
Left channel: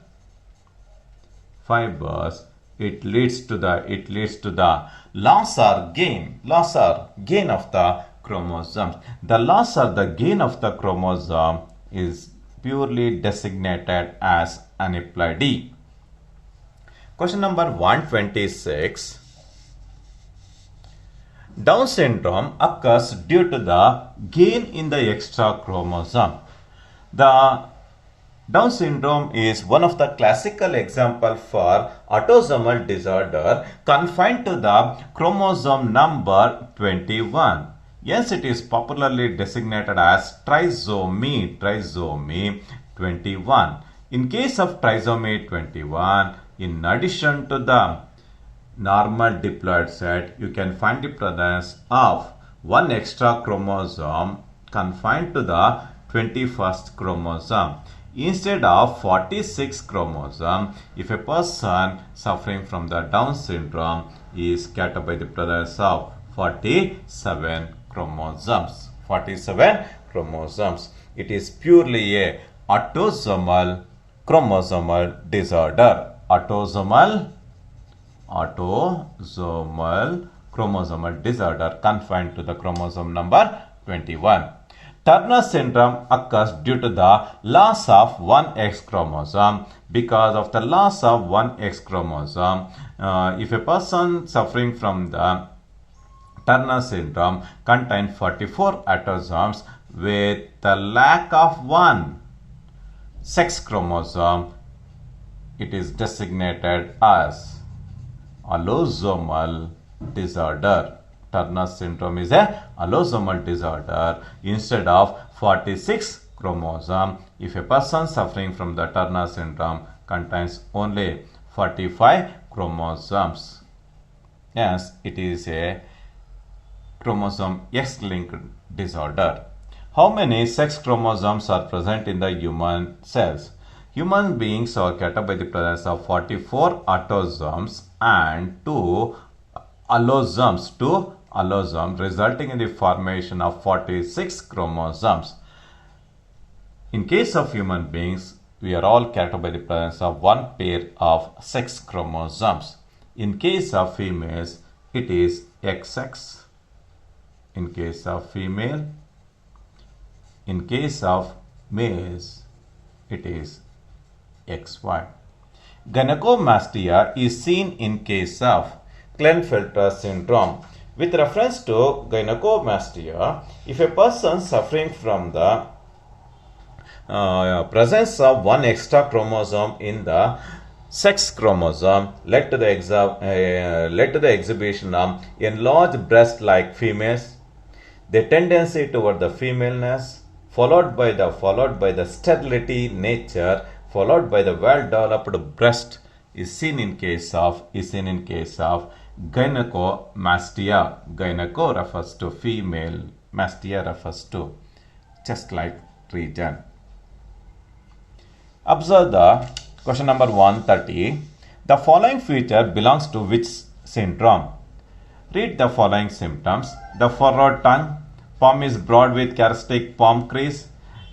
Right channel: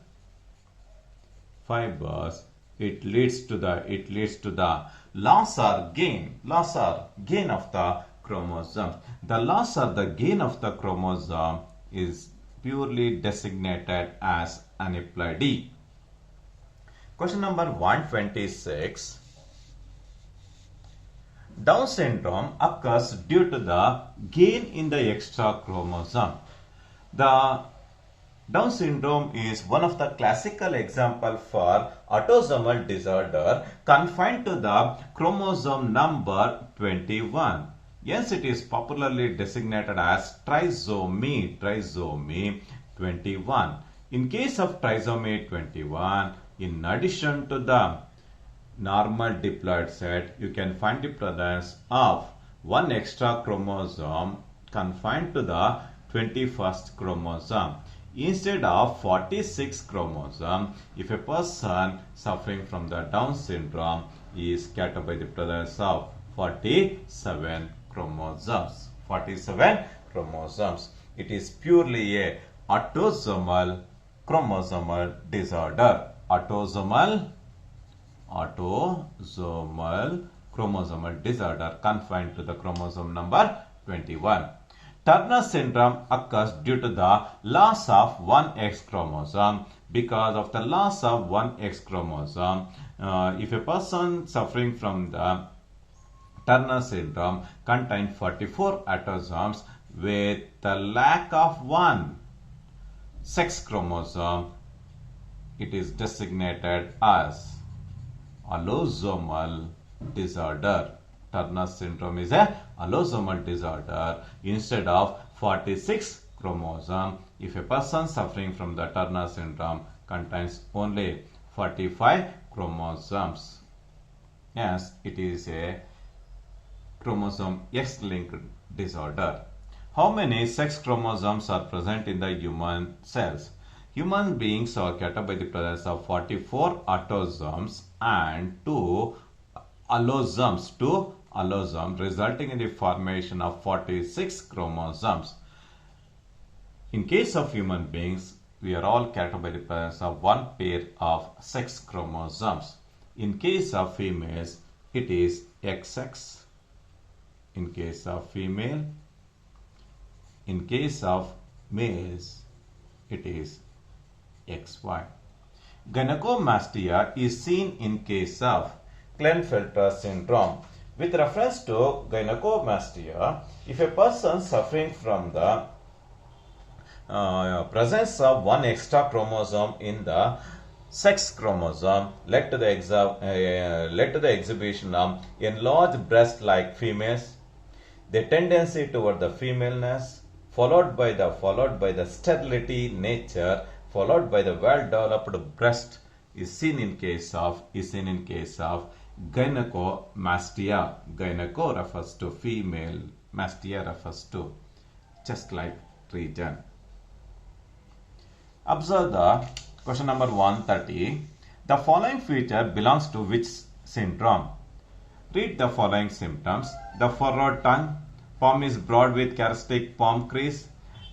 fibers, it leads to the loss or gain of the chromosomes. The loss or the gain of the chromosome is purely designated as aneuploidy. Question number 126. Down syndrome occurs due to the gain in the extra chromosome. The Down syndrome is one of the classical examples for autosomal disorder confined to the chromosome number 21. Hence, it is popularly designated as trisomy 21. In case of trisomy 21, in addition to the normal diploid set, you can find the presence of one extra chromosome confined to the 21st chromosome. Instead of 46 chromosome, if a person suffering from the Down syndrome is categorized by the presence of 47 chromosomes. It is purely a autosomal chromosomal disorder. Autosomal chromosomal disorder confined to the chromosome number 21. Turner syndrome occurs due to the loss of one X chromosome. Because of the loss of one X chromosome, if a person suffering from the Turner syndrome contains 44 autosomes with the lack of one sex chromosome, it is designated as allosomal disorder. Turner syndrome is a allosomal disorder. Instead of 46 chromosome, if a person suffering from the Turner syndrome contains only 45 chromosomes, yes, it is a chromosome X-linked disorder. How many sex chromosomes are present in the human cells? Human beings are categorized by the presence of 44 autosomes and 2 allosomes, resulting in the formation of 46 chromosomes. In case of human beings, we are all categorized by the presence of one pair of sex chromosomes. In case of females, it is XX. In case of female, in case of males, it is XY. Gynecomastia is seen in case of Klinefelter syndrome. With reference to gynecomastia, if a person suffering from the presence of one extra chromosome in the sex chromosome led to the exhibition of enlarged breast like females, the tendency toward the femaleness, followed by the sterility nature, followed by the well-developed breast, is seen in case of gynecomastia. Gyneco refers to female, mastia refers to chest-like region. Observe the question number 130. The following feature belongs to which syndrome? Read the following symptoms. The furrowed tongue, palm is broad with characteristic palm crease,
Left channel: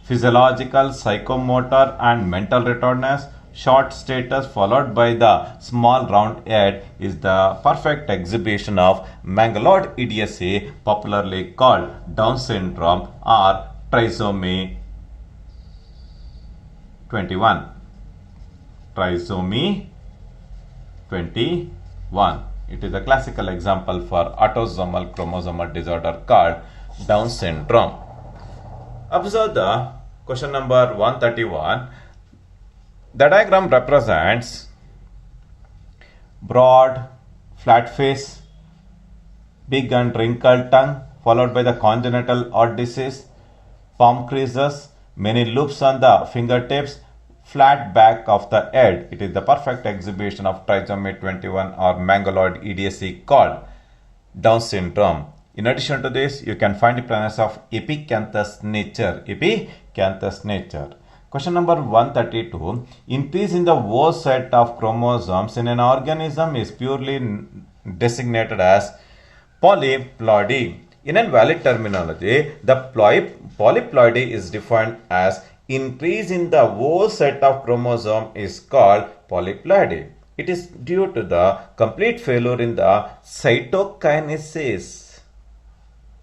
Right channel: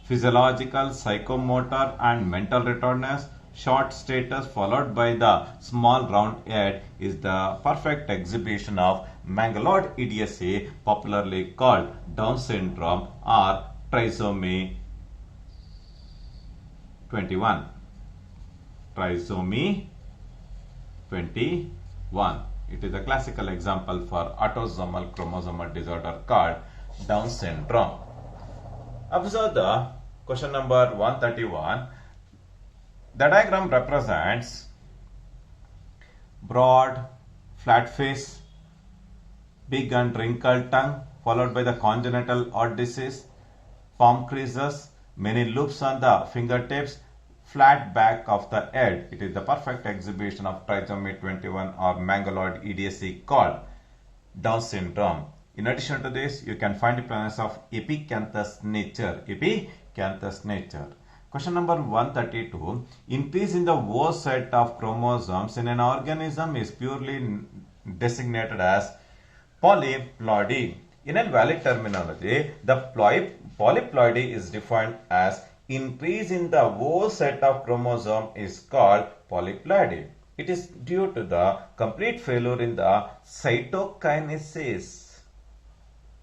physiological, psychomotor and mental retardedness, short status followed by the small round head is the perfect exhibition of mangaloid idiocy, popularly called Down syndrome or trisomy 21. Trisomy 21. It is a classical example for autosomal chromosomal disorder called Down syndrome. Observe the question number 131. The diagram represents broad, flat face, big and wrinkled tongue, followed by the congenital heart disease, palm creases, many loops on the fingertips, flat back of the head. It is the perfect exhibition of trisomy 21 or mangaloid idiocy called Down syndrome. In addition to this, you can find the presence of epicanthus nature. Question number 132. Increase in the O set of chromosomes in an organism is purely designated as polyploidy. In invalid terminology, the polyploidy is defined as increase in the whole set of chromosome is called polyploidy. It is due to the complete failure in the cytokinesis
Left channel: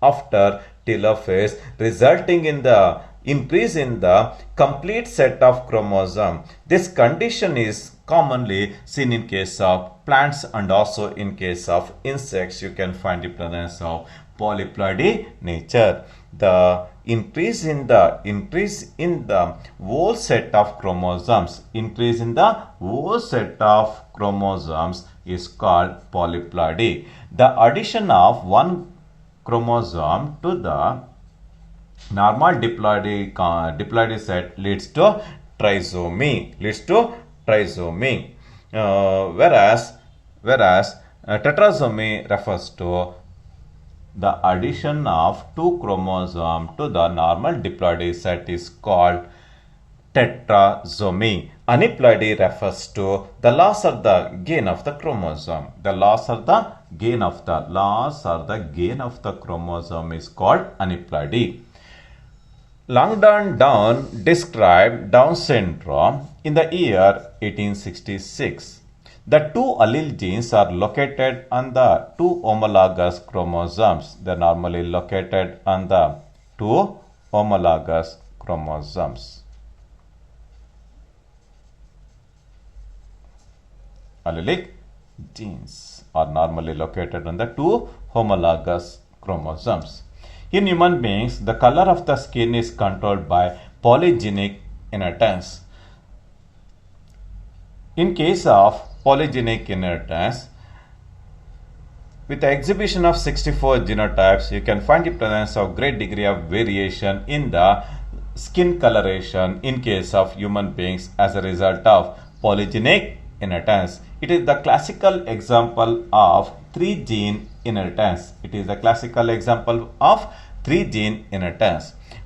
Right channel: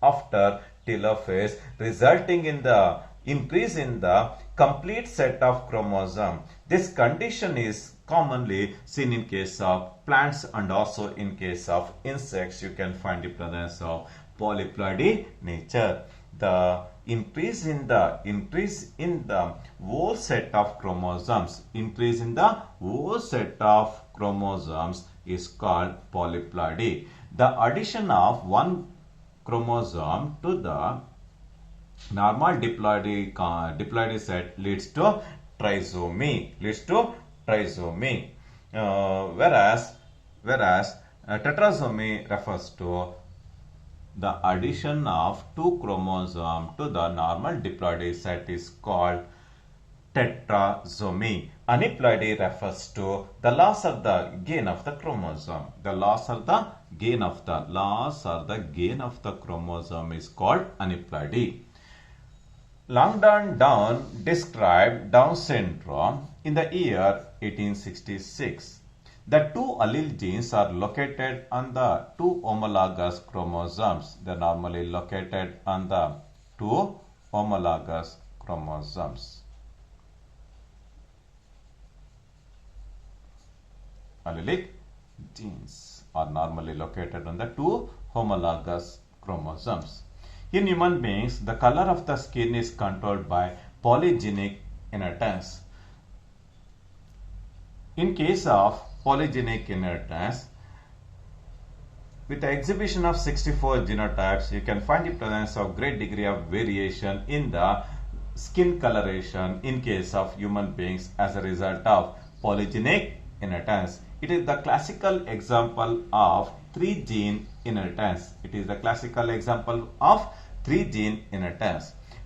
after telophase, resulting in the increase in the complete set of chromosome. This condition is commonly seen in case of plants and also in case of insects. You can find the presence of polyploidy nature. The increase in the whole set of chromosomes, increase in the whole set of chromosomes is called polyploidy. The addition of one chromosome to the normal diploidy set leads to trisomy. Whereas tetrasomy refers to the addition of two chromosomes to the normal diploidy set is called tetrasomy. Aneuploidy refers to the loss or the gain of the chromosome. The loss or the gain of the chromosome is called aneuploidy. Langdon Down described Down syndrome in the year 1866. The two allele genes are located on the two homologous chromosomes. They are normally located on the two homologous chromosomes. Allelic genes are normally located on the two homologous chromosomes. In human beings, the color of the skin is controlled by polygenic inheritance. In case of polygenic inheritance, with the exhibition of 64 genotypes, you can find the presence of great degree of variation in the skin coloration in case of human beings as a result of polygenic inheritance. It is the classical example of three-gene inheritance.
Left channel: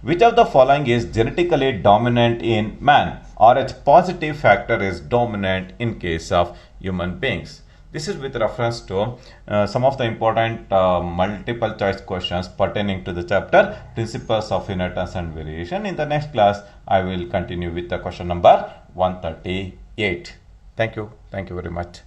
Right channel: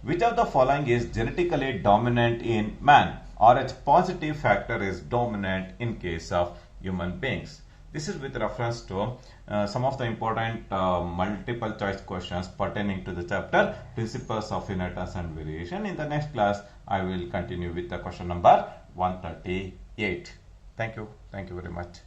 Which of the following is genetically dominant in man? Rh positive factor is dominant in case of human beings. This is with reference to some of the important multiple choice questions pertaining to the chapter Principles of Inheritance and Variation. In the next class, I will continue with the question number 138. Thank you very much.